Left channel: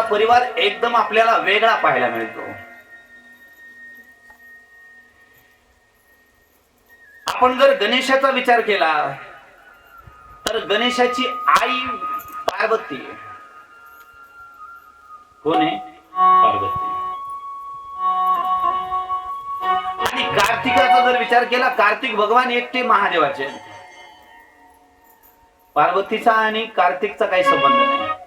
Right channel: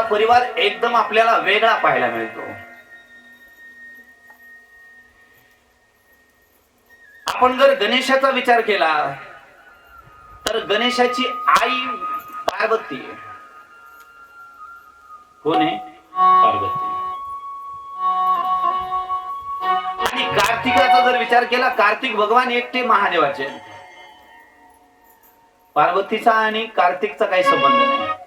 परिवार एकदम आपल्याला वेगळा पाहायला मिळतो. आपण जर गणेशाचा विचार केला तर गणेशाची आई पार्वती. कोण आहे? पार्वती. आणि कार्तिकाचा जर विचार केला कार्तिक भगवान एकटे महादेवाचे. पार्वतीचा आणि कार्तिकचा काही संबंध नाही.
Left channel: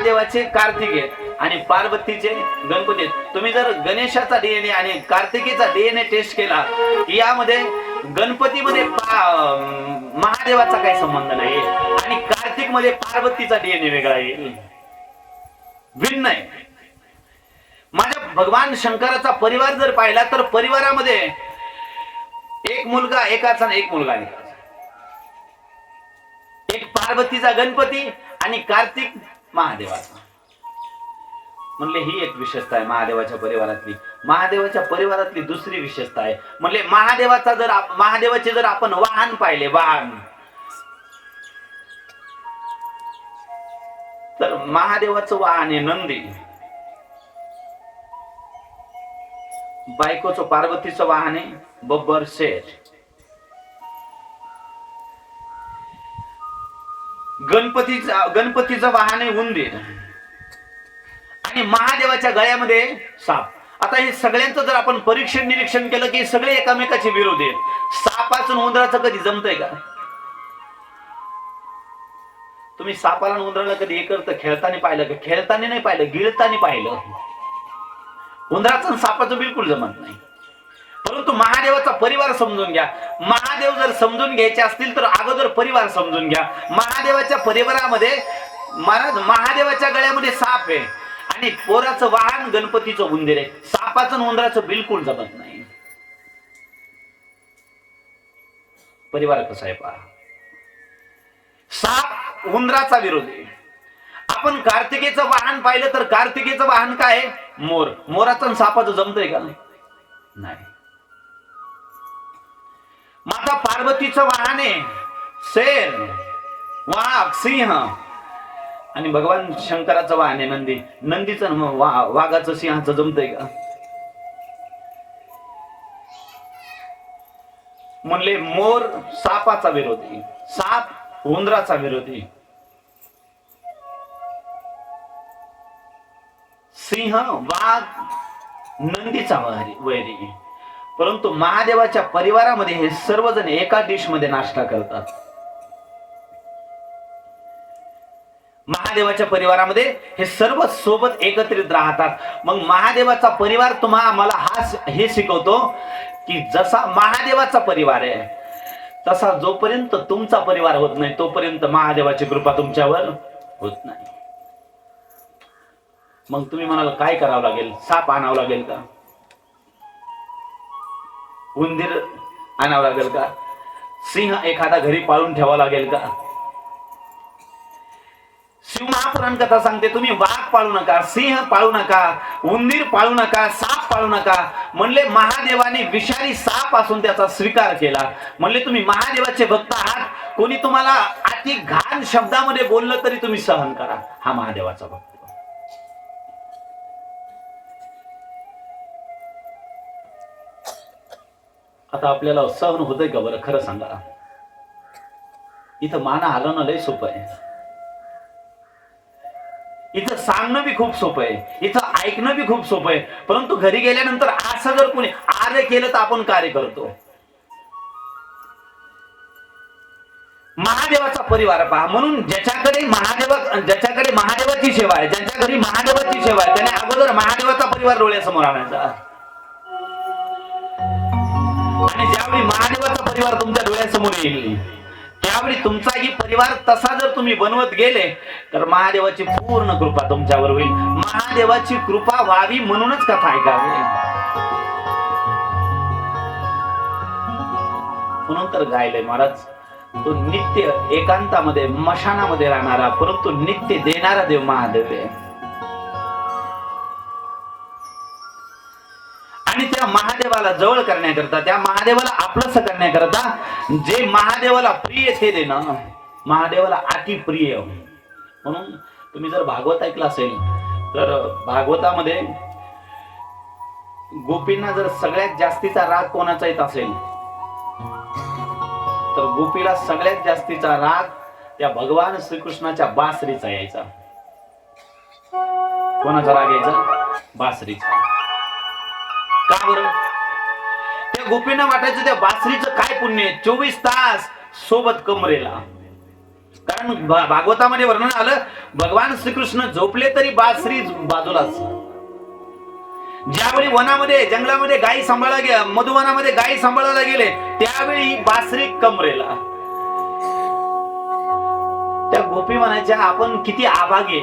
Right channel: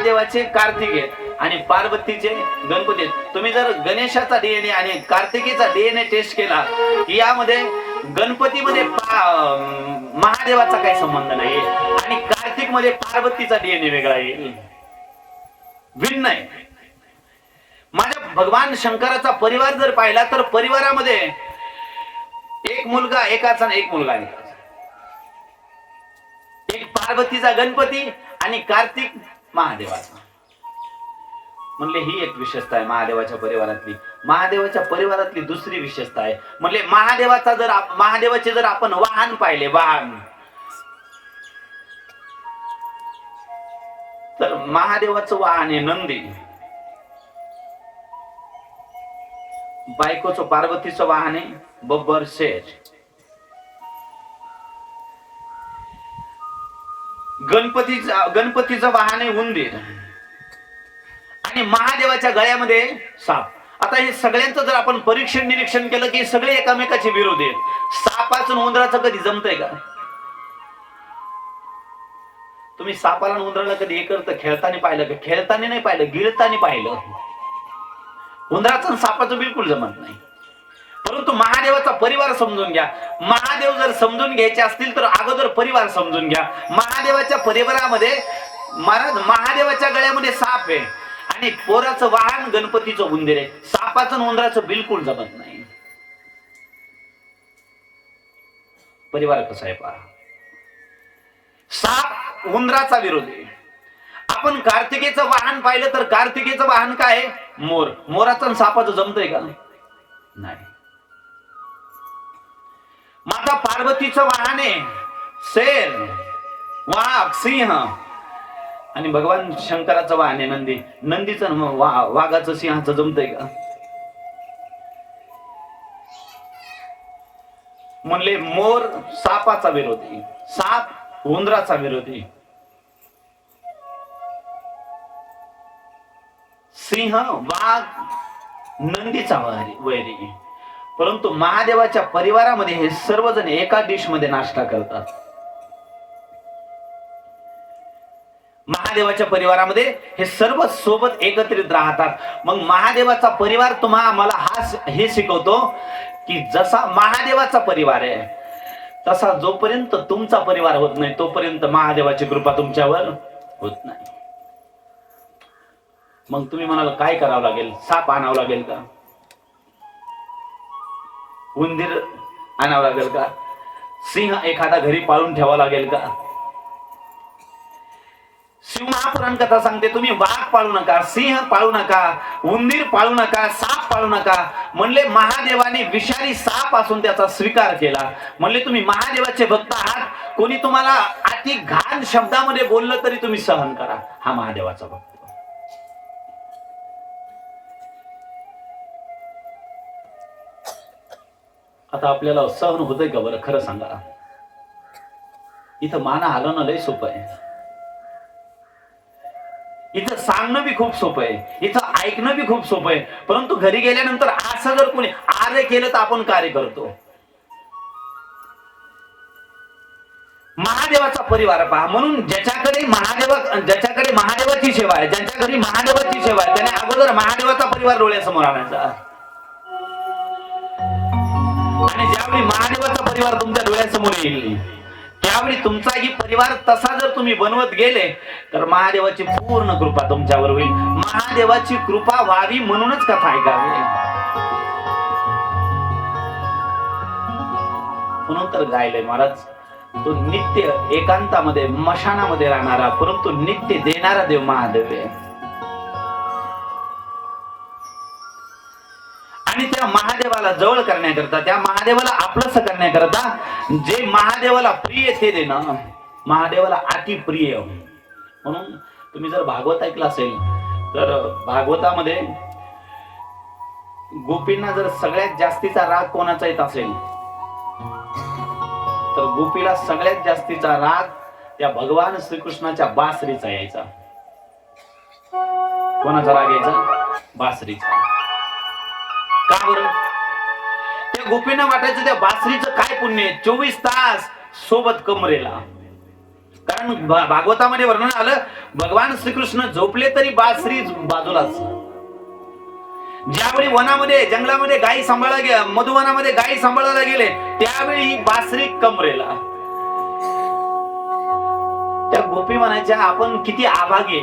महादेवाचे कार्तिक आहेत आणि पार्वतीचे गणपती. आहेत तुम्ही जर गणेशाचा डीएनए आणि कार्तिकीचा डीएनए टेस्ट केला की यामध्ये गणपतीमध्ये महादेवाचा काही संबंध नाही आणि कार्तिकमध्ये पार्वतीचा डीएनए वेगळा आहे. भिन्न आहे. माझ्या भगवान शंकराचा परिवार जर पाहिला तर परिवारामध्ये एक मुलगा एकाचा एक मुलगा आहे. एक पार्वतीचा गणपती आणि कार्तिक महादेवाचा. म्हणले ही एक विशेषता आहे महादेवाच्या परिवारातली. महादेवाच्या परिवारातली दुसरी विशेषता आहे. म्हणले महादेवाचा जर महादेवाचे जर आपण वाहन पाहिले वाहन. तर महादेवाचं वाहन आहे नंदी. बायकोचं पार्वतीचं वाहन आहे बब्बर शेर. गणपतीचं गणपतीचं वाहन आहे उंदीर. आणि महादेवाच्या गळ्यामध्ये साप. आता हे सगळ्यांचं जर आपण परीक्षण निरीक्षण केलं की सगळे एकामेकाचे विरोध आहेत. सापाचं आणि उंदराचं कधी जमतंय का? तुम्ही सापाला आणि उंदराला कधी एकत्र खेळताना पाहिलं का? खेळताना नाही पाहिलं गिळताना पाहिलं. उंदराचं आणि सापाचं बिलकुल जमत नाही. परंतु महादेवाचा परिवार समजून घ्या. महादेव जर समजून घ्यायचे असतील तर अगोदर परिवार समजून घ्या. महादेवाच्या परिवारामध्ये महाराज महादेवाच्या गळ्यामध्ये साप आहे. आणि पोराचं वाहन गणपतीचं उंदीर आहे. सापाचं उंदराचं बिलकुल जमत नाही. परिवार कसा आहे पहा. साप उंदराचा आहे. आपण कार्तिकेचं वाहन पाहिलं तर कार्तिकेचं वाहन काय आहे? मोर. मोराचं सापाचं जमतंय का? नाही. माता पार्वतीचं वाहन शेर वाघ सिंह आणि भगवान शंकराचं वाहन आहे नंदी. नंदीचं मग वा- वाघाचं सिंहाचं जमतंय का? म्हणले मोर सापाचा विरोधी साप उंदराचा विरोधी. सिंह वाघ नंदीचा वैरी. परंतु महादेवाच्या परिवारामध्ये हे सर्वजण एका डिशमध्ये नाश्ता करतात. महादेवाच्या परिवारामध्ये हे सर्व सोबत एकत्रित राहतात. मग महादेवाचा परिवार तुम्हाला मला हा हे शिकवतो की जसा महादेवाचा परिवार आहे तसा जोपर्यंत तुमचा परिवार होत नाही तोपर्यंत महादेवाची कृपा तुमच्यावर होत नाही. मग तुम्ही म्हणाला काय करावं लागेल? साप आणावं लागेल का? उंदीर आणावं लागेल का? सिंह एखादा घरी पाळून ठेवावा लागेल का? शिवमहापुराण कथा सांगते तुम्ही वाघ पाळू नका सिंह पाळू नका उंदीर पाळू नका साप पाळू नका. म्हणले महादेवाने विषारी साप असून त्याचा स्वीकार केला. म्हणले तुम्ही महादेवाचे भक्त आहात. कोणी तुम्हाला अति घाण शब्दामध्ये बोललं तरी तुम्ही सहन करा. हा महादेवाचा भक्त. आता आपल्याला सहन होतंय का बरं? खरं सांगा इथं माना हलवणं लय सोपं आहे. इथं सांगणं बी खूप सोपं आहे. इथं ऐकणं बी खूप सोपं आहे. परंतु घरी गेल्यानंतर असं जर कोणी आर्य केलं तर आपण कार्य करतो. महादेवाचा परिवार पहा. म्हणून ज्याच्याकडे महादेवा ज्याच्याकडे महादेवाची सेवा आहे ज्याच्या घरी महादेवाची सेवा आहे त्याने अगोदर महादेवाचा परिवार डोळ्यासमोर आणायचा. त्यावेळी महादेवाचा परिवार तुमच्या डोळ्यासमोर येईल. त्यावेळी तुमचाही परिवार तसा जर तुम्ही बनवत गेले तर महादेवाची पूर्ण कृपा तुमच्यावर होईल. महादेवाची कृपा व्हावी म्हणूनच कथा ऐकावी. म्हणून तर गायले महाराज तो नित्य एकांतामध्ये मशानामध्ये राहणारा परंतु नित्य देणारा देव महादेव आहे. आणि त्या महादेवाला जवळ करण्याकरता त्या महादेवाला आपलंस करण्याकरता जे महादेवाला प्रिय ते देणं. महादेवाला अति प्रिय म्हणून जर भागवत ऐकलं असेल तर भागवतामध्ये गोपींना जर सगळ्यात जास्तीचा राग कोणाचा येत असेल तर गोपीला सगळ्यात जास्तीचा राग त्या भगवान श्रीकृष्णाच्या बासरीचा यायचा. कोणाचा राग यायचा? बासरीचा. का बरं? त्या गोपींना वाटायचं त्या बासरीचं काय पुण्य चोवीस तास सोबत कमरेला. कारण भागवतामध्ये वर्णन आलं भगवान श्रीकृष्ण झोपले तरी बासरी बाजूलाच. ज्यावेळी वनामध्ये जंगलामध्ये गायी सांभाळायला गेल्या मधुवनामध्ये गायी सांभाळायला गेले त्यावेळी बासरी कमरेला. त्या गोपी म्हणायच्या आपण किती आभागी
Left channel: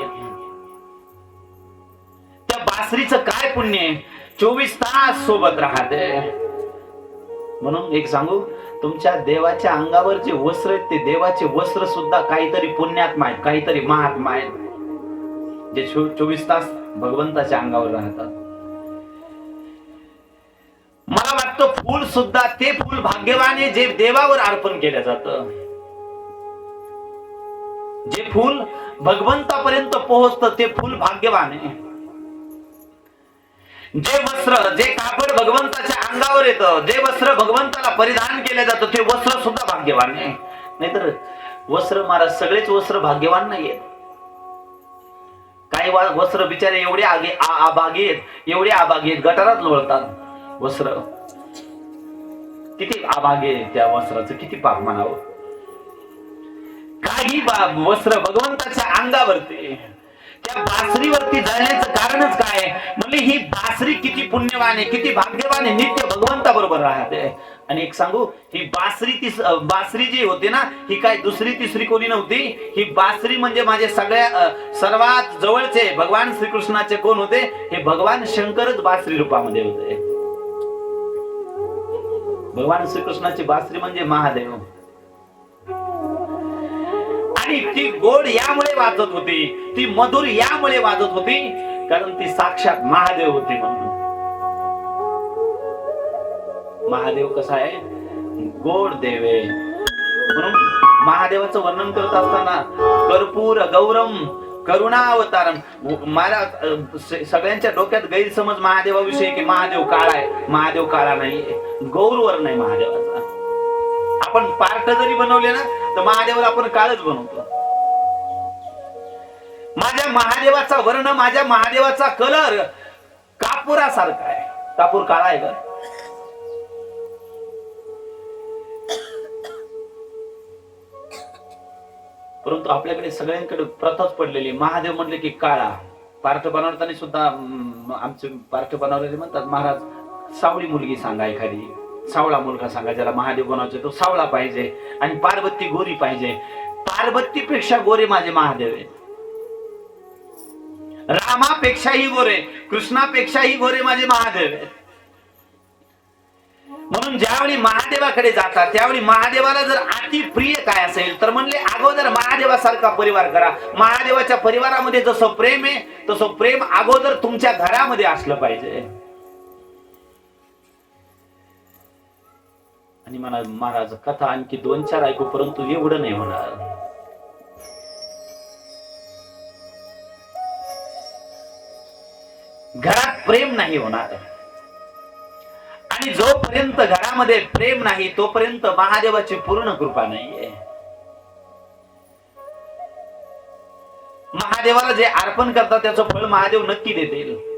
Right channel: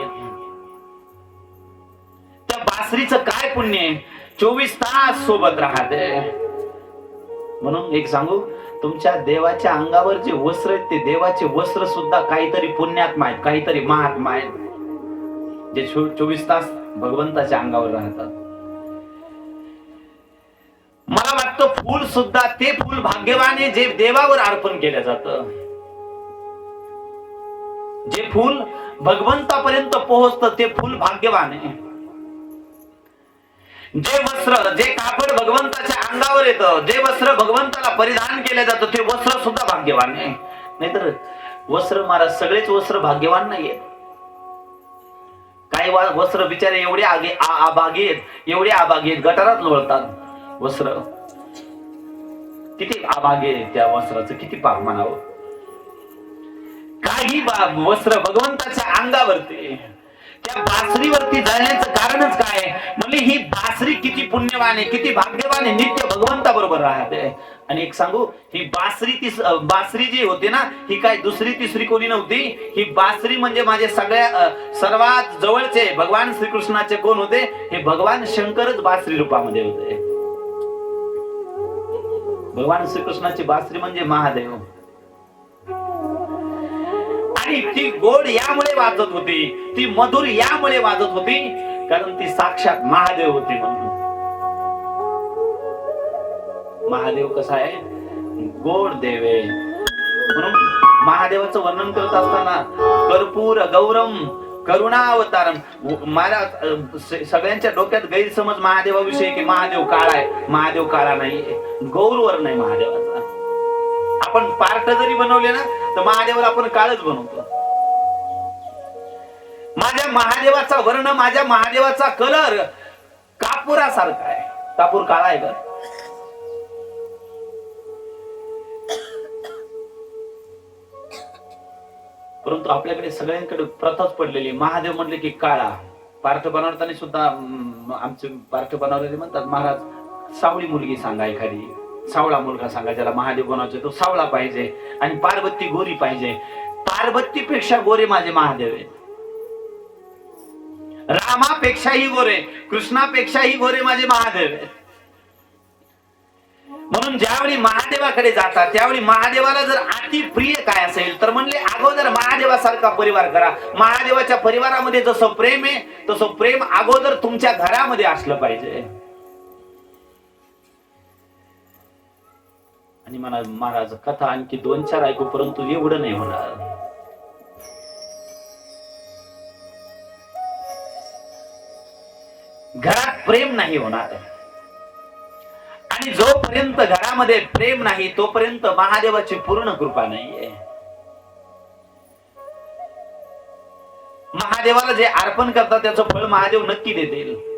त्या बासरीचं काय पुण्य आहे? चोवीस तास सोबत राहते. म्हणून एक सांगू तुमच्या देवाच्या अंगावर जे वस्त्र आहेत ते देवाचे वस्त्र सुद्धा काहीतरी पुण्यात्मा आहेत काहीतरी महात्मा आहेत. जे चोवीस तास भगवंताच्या अंगावर राहतात. मला वाटतं फूल सुद्धा ते फूल भाग्यवान आहे जे देवावर अर्पण केलं जातं. जे फूल भगवंतापर्यंत पोहोचतं ते फूल भाग्यवान आहे. जे वस्त्र जे कापड भगवंताच्या अंगावर येतं जे वस्त्र भगवंताला परिधान केलं जातं ते वस्त्र सुद्धा भाग्यवान आहे नाहीतर वस्त्र महाराज सगळेच वस्त्र भाग्यवान नाहीये. काही वस्त्र बिचारे एवढे आगे आभागी आहेत एवढे आभागी आहेत गटारात लोळतात. वस्त्र. किती आभागी आहेत त्या वस्त्राचं किती पाप म्हणावं. काही बा- वस्त्र भगवंताच्या अंगावरती त्या बासरीवरती जाण्याचं कारणच काय? आहे? म्हणजे ही बासरी किती पुण्यवान आहे किती भाग्यवान आहे नित्य भगवंता बरोबर राहते. आणि एक सांगू ही बासरी ती बासरी जी होती ना ही काय दुसरी तिसरी कोणी नव्हती? ही बासरी म्हणजे माझे सगळ्या सर्वात जवळचे भगवान श्रीकृष्णाचे कोण होते? हे भगवान शंकरच बासरी रूपामध्ये होते. भगवान श्रीकृष्णाची बासरी म्हणजे महादेव. आणि ती गोड यामुळे वाजत होती ती मधुर यामुळे वाजत होती कारण ती साक्षात महादेव होती म्हणून. महादेव कसा आहे? गोड देव आहे. म्हणून महादेवाचं वर्णन करत असताना कर्पूर गौरम करुणावतारम. मला सगळ्यांच्या डोक्यात गैरसमज महादेवाविषयी की महादेव काळा आहे. महादेव काळा नाहीये गौरवर नाही महादेवाचा. आपण पार्ट जरी बनवले ना तर महादेवाला आपण काळच बनवतो. माझ्या महादेवाचा वर्ण माझ्या महादेवाचा कलर कापुरासारखा आहे. कापूर काळा आहे का? परंतु आपल्याकडे सगळ्यांकडे प्रथाच पडलेली महादेव म्हणले की काळा. पार्थ बनवताना सुद्धा आमचे पार्थ बनवलेले म्हणतात महाराज सावळी मुलगी सांगा एखादी. सावळा मुलगा सांगा ज्याला महादेव बनवायचे तो सावळा पाहिजे आणि पार्वती गोरी पाहिजे. पार्वतीपेक्षा गोरे माझे महादेव आहेत. रामापेक्षाही गोरे कृष्णापेक्षाही गोरे माझे महादेव. म्हणून ज्यावेळी महादेवाकडे जातात त्यावेळी महादेवाला जर अति प्रिय काय असेल तर म्हणले अगोदर महादेवासारखा परिवार करा. महादेवाच्या परिवारामध्ये जसं प्रेम आहे तसं प्रेम अगोदर तुमच्या घरामध्ये असलं पाहिजे. आणि मला महाराज कथा आणखी दोन चार ऐकू परंतु एवढं नाही होणार. घरात प्रेम नाही होणार. आणि जोपर्यंत घरामध्ये प्रेम नाही तोपर्यंत महादेवाची पूर्ण कृपा नाहीये. महादेवाला जे अर्पण करतात त्याचं फळ महादेव नक्की देतील.